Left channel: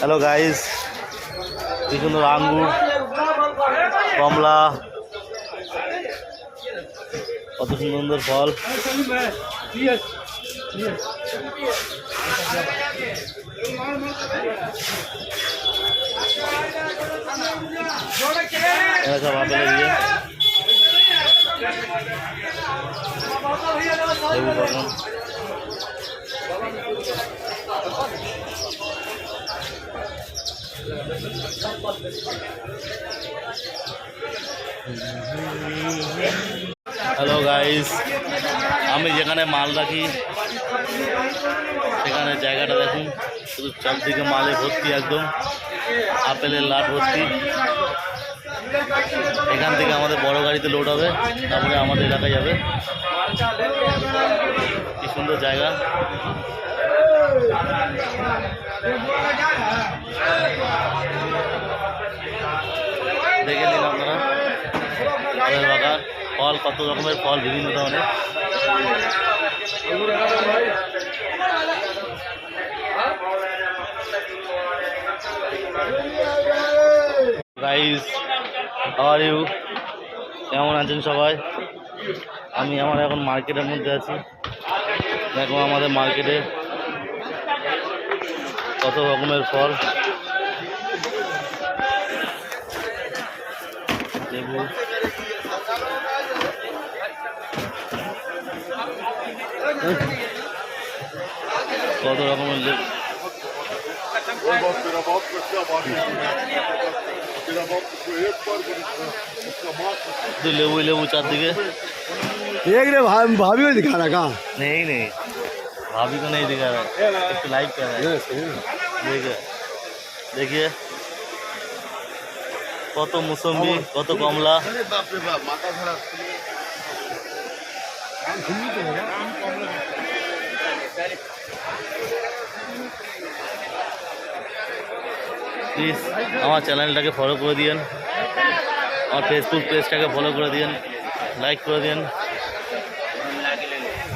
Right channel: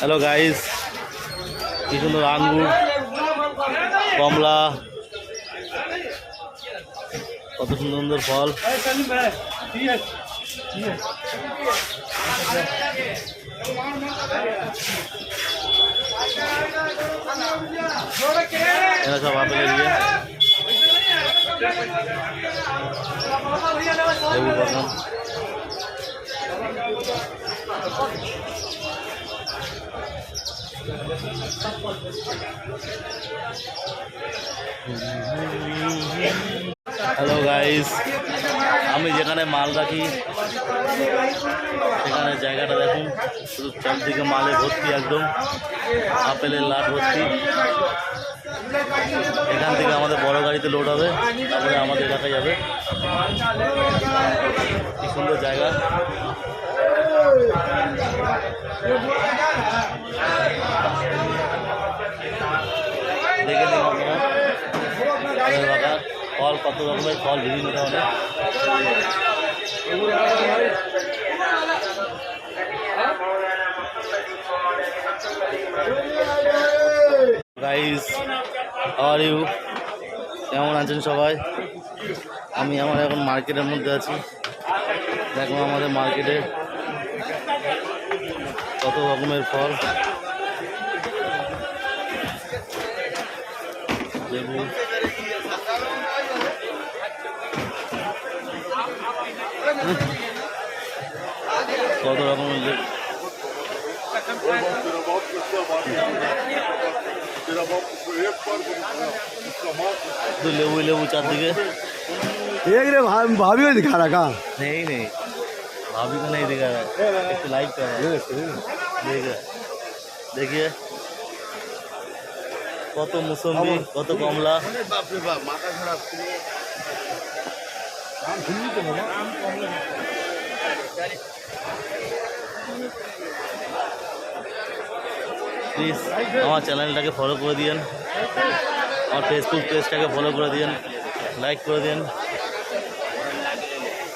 Hello guys, কি সুন্দর আঙ্গুর, কমলা, কত সুন্দর সুন্দর ফল। এরা সব আপেলের দিয়ে লেবু বাগান। হ্যালো গাইস, আমি যেখানে মাল রাখি সেখানে জায়গাটা দেখুন, শুধু চারদিকে মালে ভর্তি, একদম আপেলের লাট ভর্তি। এখান থেকে আমাদের বড় গাড়িতে লোড হবে, তারপরে আমাদের এলাকায় যাবে। কি সুন্দর জায়গা। দেখে নিন আপনারা ফলের বাগান, ফল, কত রকমের ফল, বিভিন্ন ধরনের। Guys, how are you? কেমন আছেন সবাই? আমি আমার এখন মার্কেটের মধ্যে আছি। দেখো আমাদের মার্কেটে কত রকমের ফল, লেবু, কত রকমের লেবু, লেবু লেবু চারদিকে। देख रहे भाभी को दिखा रहा कहाँ? नहीं नहीं, भाभी को नहीं दिखा रहा है, एक लाइक कर रहा है। देखिए देखिए কত মুসম্বি, কত কমলা। প্লিজ আমার চ্যানেলটাকে ফলো করে দিন, আমার ফেসবুক পেজটাকে ফলো করে দিন, লাইক করে দিন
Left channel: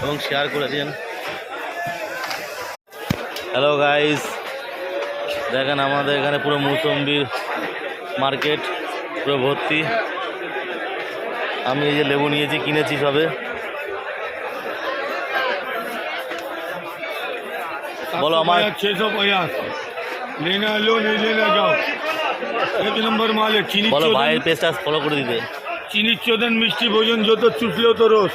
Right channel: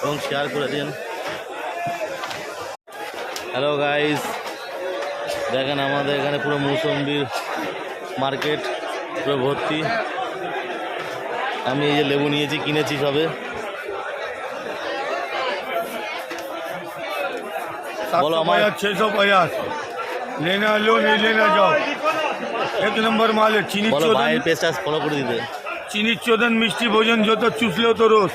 এবং শেয়ার করে দিন। হ্যালো গাইস, দেখেন আমাদের এখানে পুরো মুসম্বির মার্কেট পুরো ভর্তি। আমি এই যে লেবু নিয়েছি, কিনেছি সবে। বলো আমার 650 लेना लो, नहीं लेना जाओ, एक नंबर माल है। चीनी বলো ভাইয়ের পেজটা ফলো করে দিতে। चीनी चोदन मिष्टी भोजन जो तो चूस लो तो रोज।